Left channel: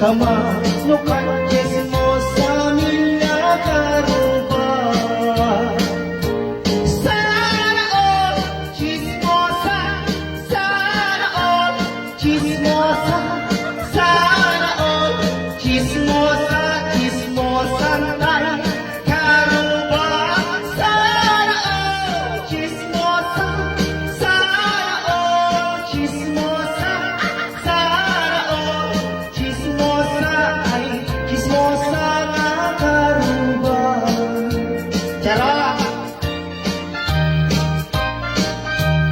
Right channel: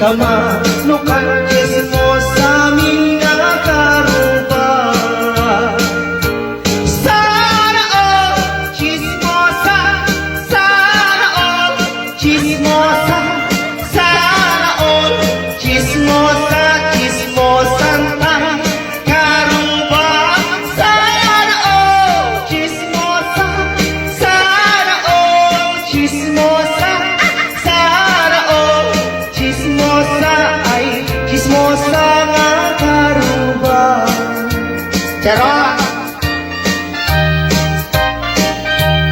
kamanukan chismosa mga karuba. Sana all chismosa, sana all chismosa, sana all chismosa, chismosan tayo karuba. Sana all chismosa, sana all chismosa, sana all chismosa ay chismosa nga karuba. Charot!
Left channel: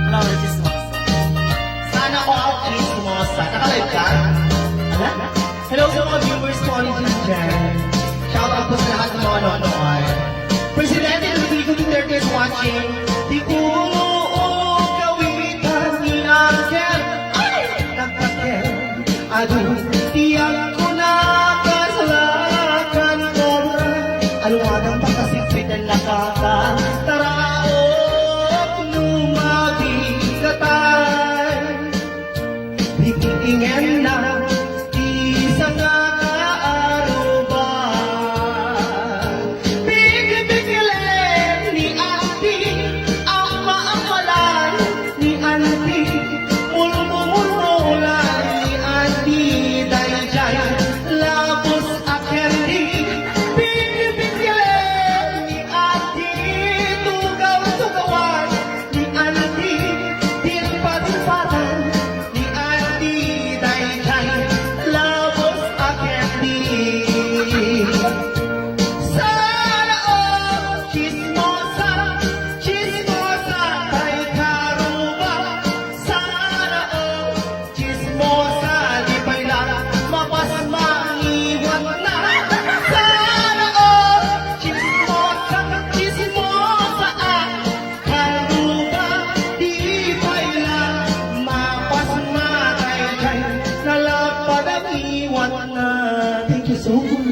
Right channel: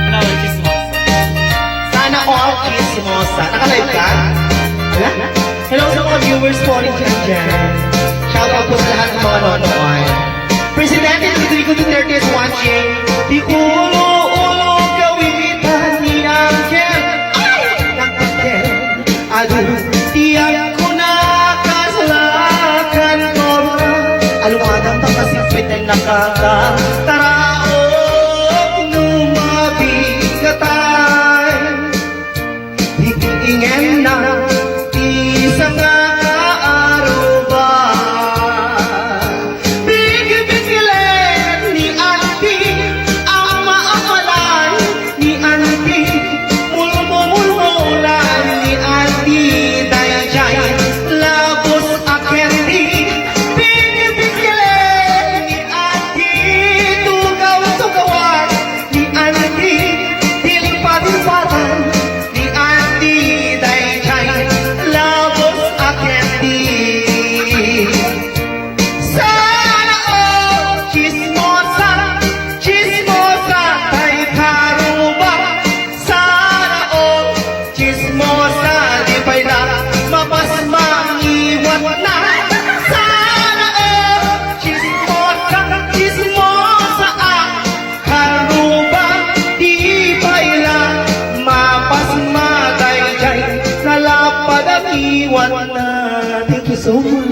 Wala ko chismosa. Sana all chismosa. Nakalive ka? Wala? Hello sa mga viewers po rin dyan. Shout out po sa lahat ng mga nonood. Presidente Rodrigo Duterte is watching. Di ulo-ulo kawitan ni Angel. Ay! Nakatel. Alo, tiyak ko na kasalakan ko na. Alumadang pakasipit ang nakakataraok nung mabigatan. Higingin na isang nakaaruba. Bigil-bigilan ni Auntie ang maapalan ni Auntie. Mulmumulan ni Auntie Dayjay labos akerdi. Bigil-bigilan ni Auntie tugaw-tugawan ni Auntie. Dilipad-lipatan ni Auntie Dayjay labos akerdi. Sana all chismosa, chismosa tayo karuba. Sana all chismosa, di ba'y na mapasmangiwan na. Sana all chismosa, chismosa ang karuba. Di ba'y na mapasmatay dyan, nalapad ang iwan na. Thank you so much.